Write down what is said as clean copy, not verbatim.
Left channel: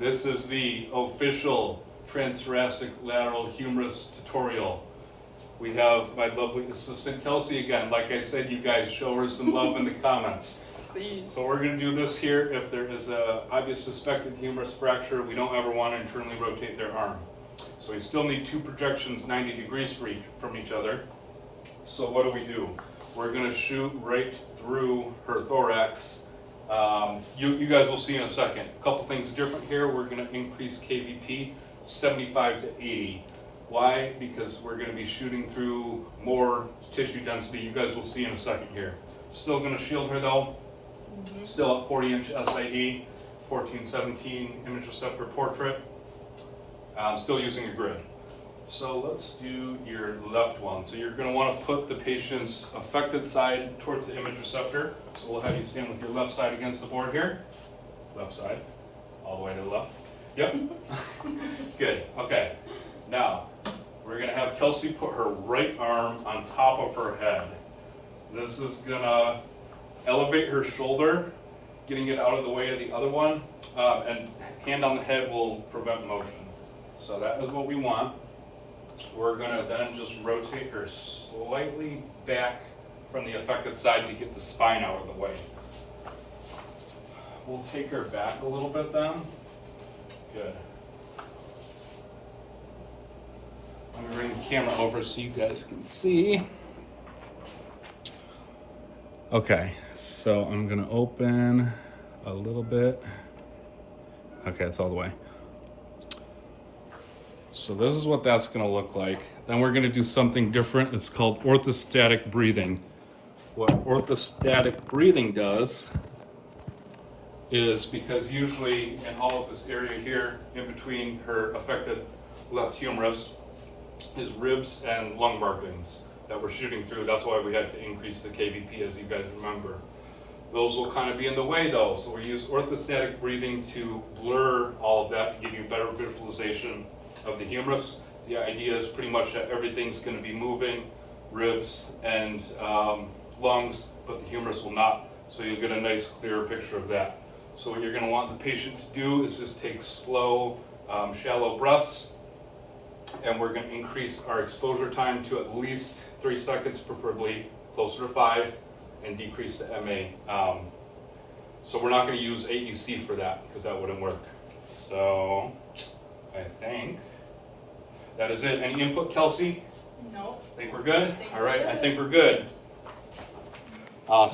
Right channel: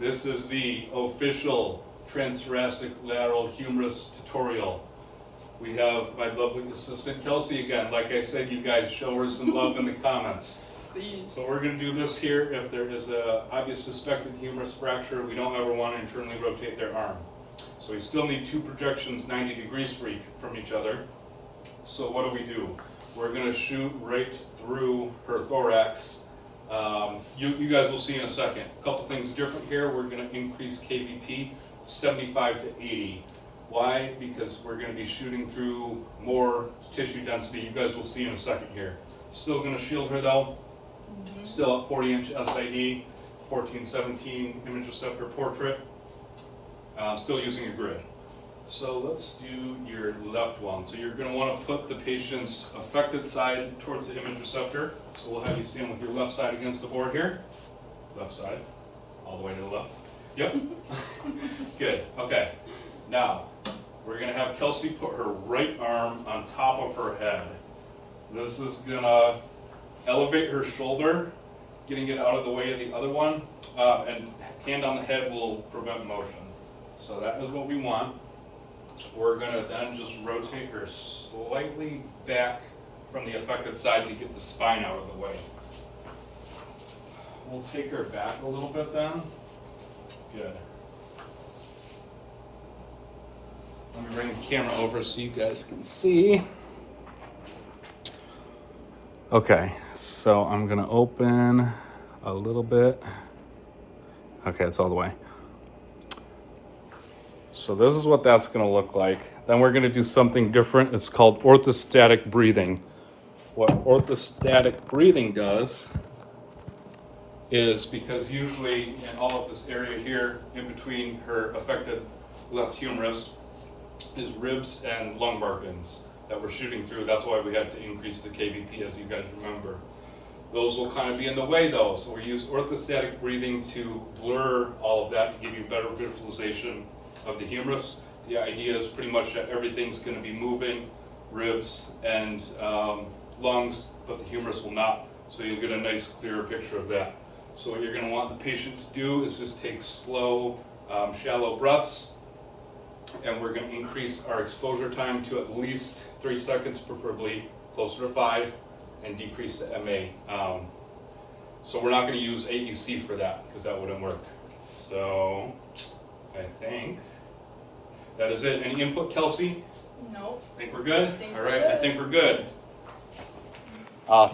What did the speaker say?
This is the official Transthoracic lateral humerus tutorial. We have my lovely assistant Kelsey again. Like I said, you guys show her some love in the comments. Please. So we're going to do this here. If there is a obvious suspected humerus fracture, we don't ever want to internally rotate their arm. So we still need two projections 90 degrees from each other. So what do? We're going to shoot right through her thorax. You guys will see in a second. A couple things different here. We're going to increase KVP 75 to 80. Why? Because we're going to be shooting through more tissue density. You guys will see in a second here. Still going to shield her though. Still at 40-inch SID, 1417 image receptor portrait. Still using a grid. So let's do your left one. So you're going to want to put the patient's affected side towards the image receptor. So we'll have you stand with your left side against the board here. Left side, all the way to the left. Yep. Good. Okay. Now, we're going to have Kelsey put her right arm on top of her head. This is going to elevate her shoulder, getting it out of the way of the other one, and hand on the head will prevent motion. So that is what we want. We're going to then just rotate her slightly back from the affected side to get the spine out of the way. We'll take her back a little bit then. Good. Let me bring the camera over so you guys can see. Okay, so I'm gonna open a little bit. Okay, it's all the way. So this is what that's gonna look like. Then we're gonna do something different. It's called orthostatic breathing. What orthostatic breathing does is, because usually in all of this area here, in between her affected left humerus, is ribs and lung markings that we're shooting through. That's why we had to increase the KVP, as you guys remember. Those will kind of be in the way though, so we use orthostatic breathing to blur all of that to give you better visualization of the humerus. The idea is pretty much that everything's going to be moving, ribs and lungs, but the humerus will not, so you'll get a nice clearer picture of that. So what you're going to want the patient to do is just take slow, shallow breaths, and we're going to increase our exposure time to at least 3 seconds, preferably closer to 5, and decrease the MA. So we're not going to use AEC for that because that wouldn't work. So I think that is it. Any input, Kelsey? No. Think we're good? All right, I think we're good. Awesome.